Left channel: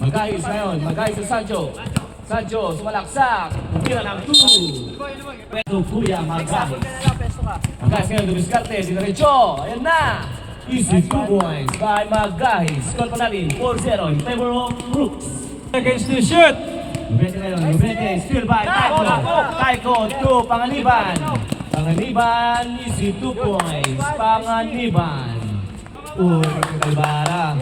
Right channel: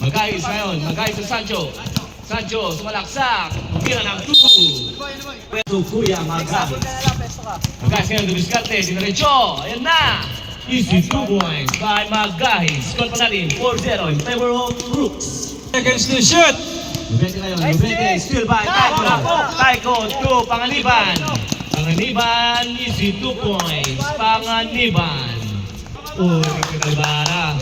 Magayos ngayon, magayos sa Sancho. Sancho, sumalaksak. Tira ng 2. Ito, Kuya Magayos. Magayos ngayon, diniskarte, diniretso. Ayan na. Easy 2 points by Magayos. Score pa natin, 4-0 in favor of Brooks. Seconds to shoot. Lubete ngayon, Lubete, still by Taiko. Taiko to Panganiban. Panganiban, easy 2 points. Panganiban. Uy, Kalbara.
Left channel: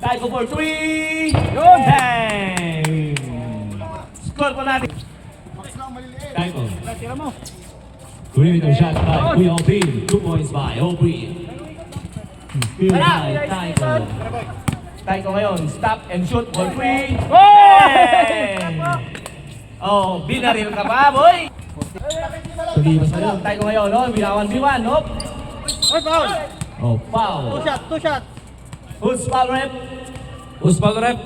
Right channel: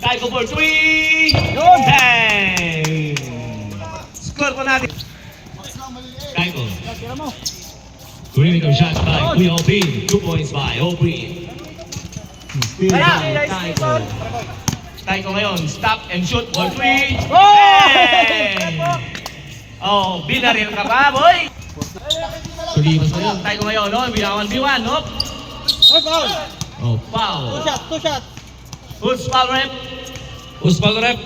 Taiko for 3. Hey! Score po natin. Taiko. Perimeter shot by Kuya Opin. 2 points by Opin. Still by Taiko. Taiko ngayon, stop and shoot for 3. Hey! Oh, binaril ka pa, boy! Hindi mas ngayon, Taiko ngayon, no? Binawan B1, no? Foul! Oh, foul. Two shot! Who's foul rep? Who's foul rep?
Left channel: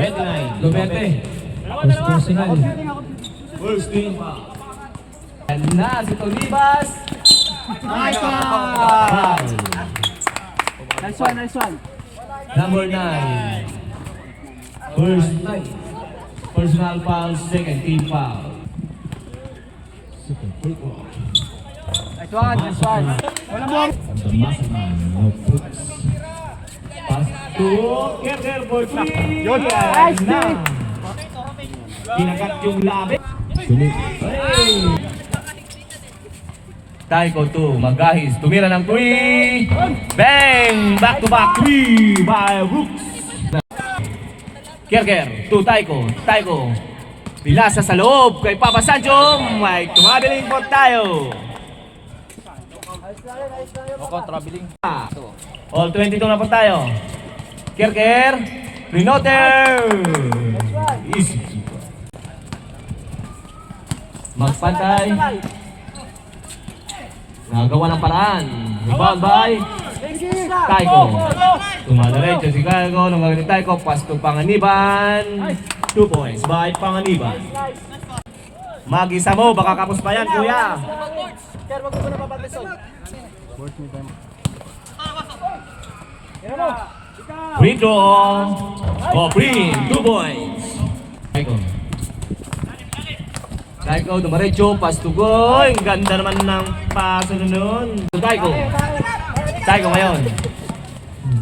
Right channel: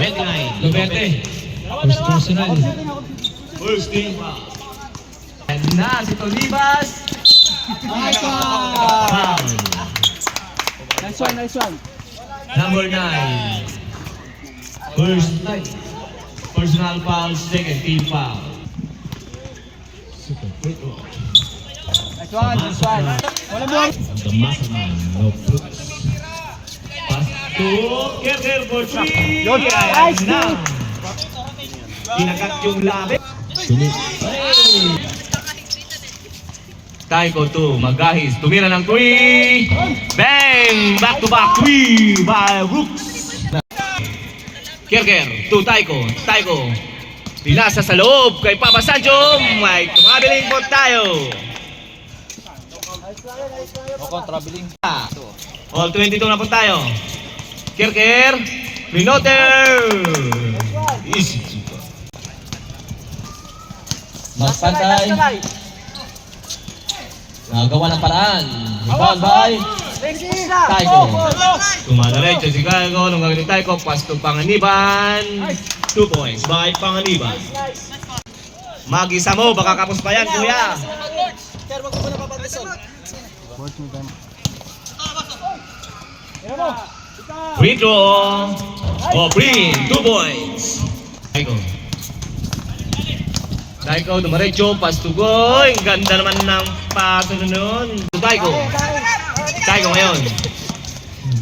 Red line. Lubete. First personal. First team foul. And na si Tolibas. Nice one! Foul. Nice one! Number 9. First personal foul, second team foul. Super quick one. Nice one! The mastermind of Brooks. Pass to Kerker for 3. Nice na. Kinagat yung labi. Hey! Taiko to Magahis. Tumira ng 3. Bang! Back to back 3 by Brooks. Kerker to Taiko. Taiko. Ilasa sa loob kay Papa Sancho. May tumabiling po tayo. Traveling. All 22 na po tayo. Kerker. Minoter. Easy. Magpantay. Nagawa ng paraan. Rebound by Taiko. Tumalaray si Chicago. Nung gagawin Taiko. Pass to Panganiban. 2 points by Panganiban. Mag-isa mo. Baka kapos pa yan, kuya. Kaya wag ko na papatisol. Free throw. Oh, free. 2 points. Taiko. Taiko, dumaretso. Pass to goal. Ang ganda naman ng paso nun. Taiko. Taiko ngayon.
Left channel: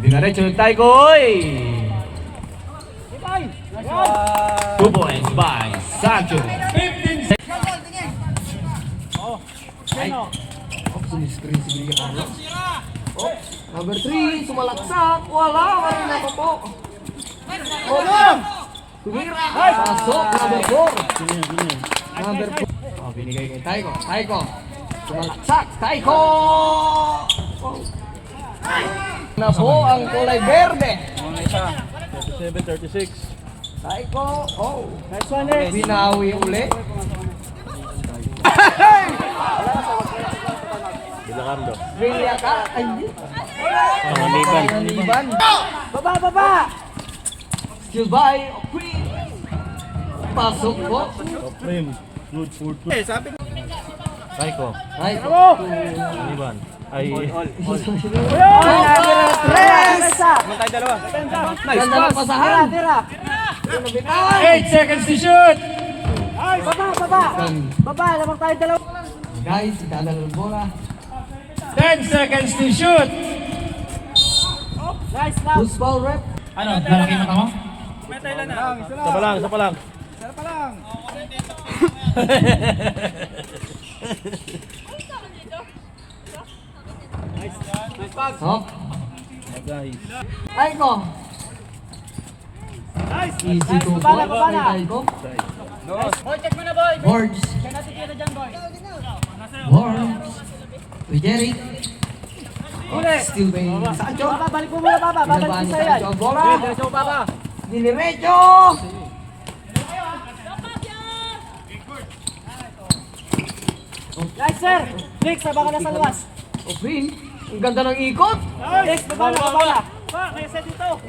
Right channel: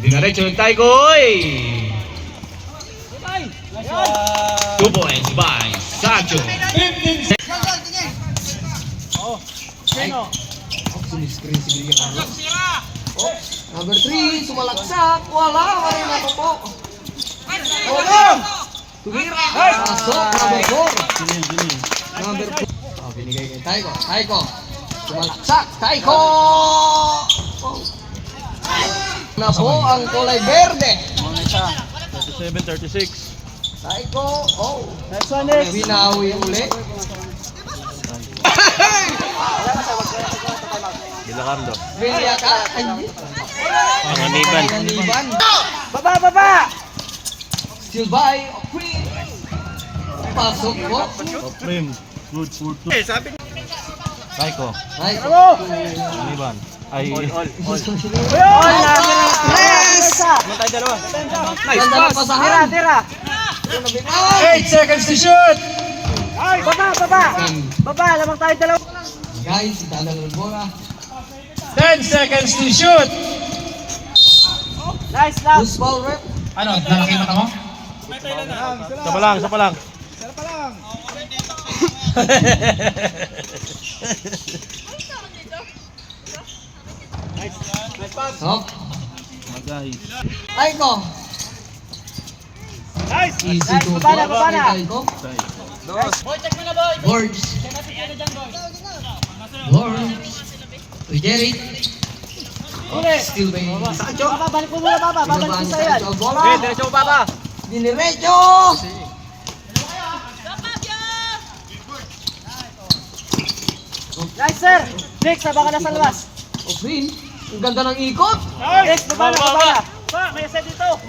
Dumaretso ng Taiko. 2 points by Sancho. Screen si Billy Carlos. Oh, number 3, sumalaksak. Wala rin ako po. Oh, tumira. Pasok, number 4. Number 4. Oh, binigay kay Taiko. Taiko. Sumalaksak. Taiko! Oh. Na po ang kulay berde. 37-36. Taiko. Oh. Nice one, next! Binawi uli. Bilacardo. Vilya ka. Ay, hindi. Panganiban. Panganiban. Baba! Still by Queen. Pasok po. Prem. Good for 2. Taiko. Taiko. Panganiban. Ay. Tres! Ganda ng pasahan. Tira! 8 seconds to shoot. Baba! Lamang tayo dalawa! Guys, itadala ng bola. 10 seconds to shoot. Nice lang! Who's foul rep? Ano? Nakakita ka mo? Isa pa lang. Hop. Magahis. Taiko. Easy to po. Kay Taiko. Boy, check mo na boy! Boards. Check natin tira dyan boy! Boards. Uy, Jerry. Uli! Still by Sancho. Balik mo muna baba! Binabaan ni Balik Sancho mo ang bola. Diretso mo baba! Diniretso. Nice sir! Next, saba ka na sa labas! O, Green. Ang ganda ng ikot. Next, baba na! May set dito!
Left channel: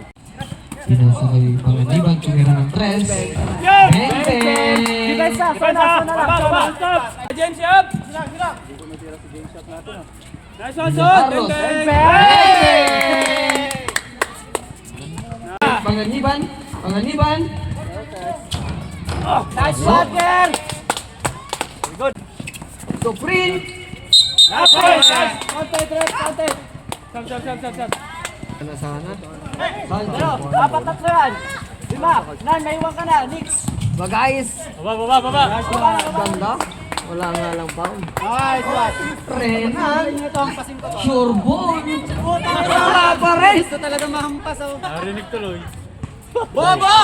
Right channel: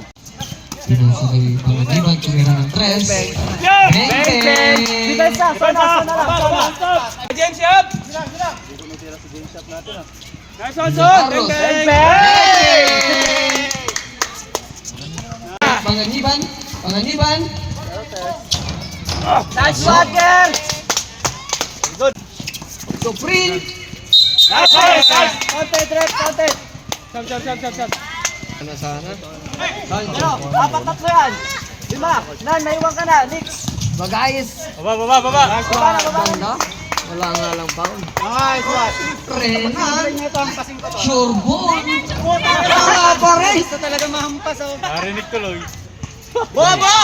Pinasa kay Panganiban. Tumira ng tres. Mente. Defense na! Sona! James up. Nice one, Carlos. Mente! Panganiban. Panganiban. Nice shot, girl! Soprin. Nice, nice, nice! Content, Red, content! Sab. Sana sana. Dapat tatlo yan. 5. Nan, may iwan ka na. Next. Bagayes. Baba. Baba na, baba. Ganda. Wala nga lang foul. Nice one. Renan. Sure ball. Wala pa rin. Talaga mahampas. Narinig tuloy. Bobo!